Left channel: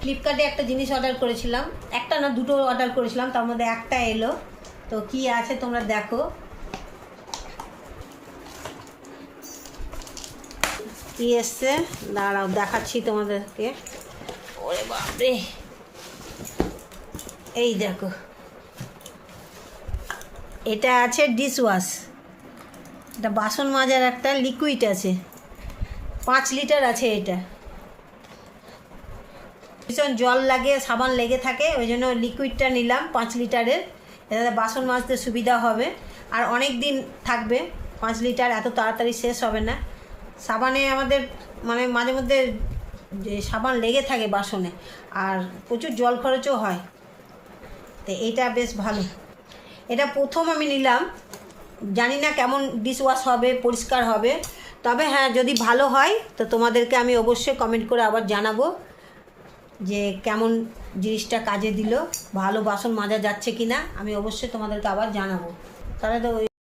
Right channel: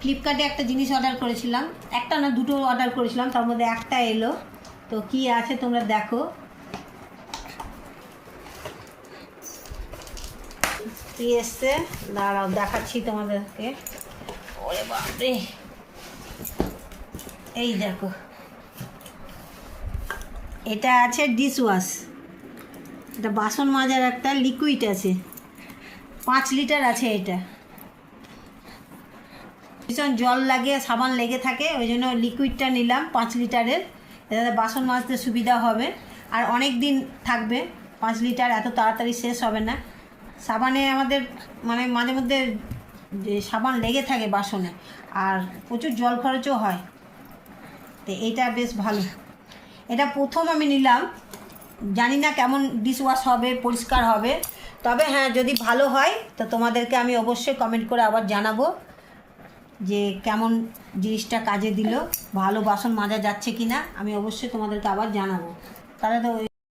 ফ্লিপকার্টে একটা জিনিস অর্ডার করেছিলাম, একটা না দুটো অর্ডার করেছিলাম, তার মধ্যে একটা এলো। তো কি আছে তোমরা দেখো। কি এসছে দাঁড়াও দেখাচ্ছি তোমাদেরকে। ওরে বাপরে, এই দেখো, এটা আছে ডিশ ওয়াশ। এটা বাসন মাজার একটা লিকুইড আছে, 5 লিটার আছে। এটা ভীষণ জল লাগে, সাবান লেগে থাকে, ওই জন্য লিকুইডটা নিলাম 5 লিটারের। এটাতে বাসন মাজতে সুবিধা হবে আর অনেক দিন থাকবে। 5 লিটার এত তাড়াতাড়ি শেষ হবে না। সাবানে আমাদের মানে মাঝে মধ্যে যে সাবান লেগে থাকে বাসনে, আর প্রচুর জল খরচও হয়। তো এইটা বেশ ভালো। এটা প্রথম আমি নিলাম, জানি না কেমন ডিশ ওয়াশ হবে, পরিষ্কার হবে। তবে হ্যাঁ, যদি ভালো হয় তো তোমাদেরকে আমি অবশ্যই কমেন্ট করে আবার জানাবো যে কেমন জিনিসটা কাজে দিল, ভালো বাসন মাজা যাচ্ছে কি না। আমি অবশ্যই তোমাদেরকে আবার জানাবো। তাহলে তো ওই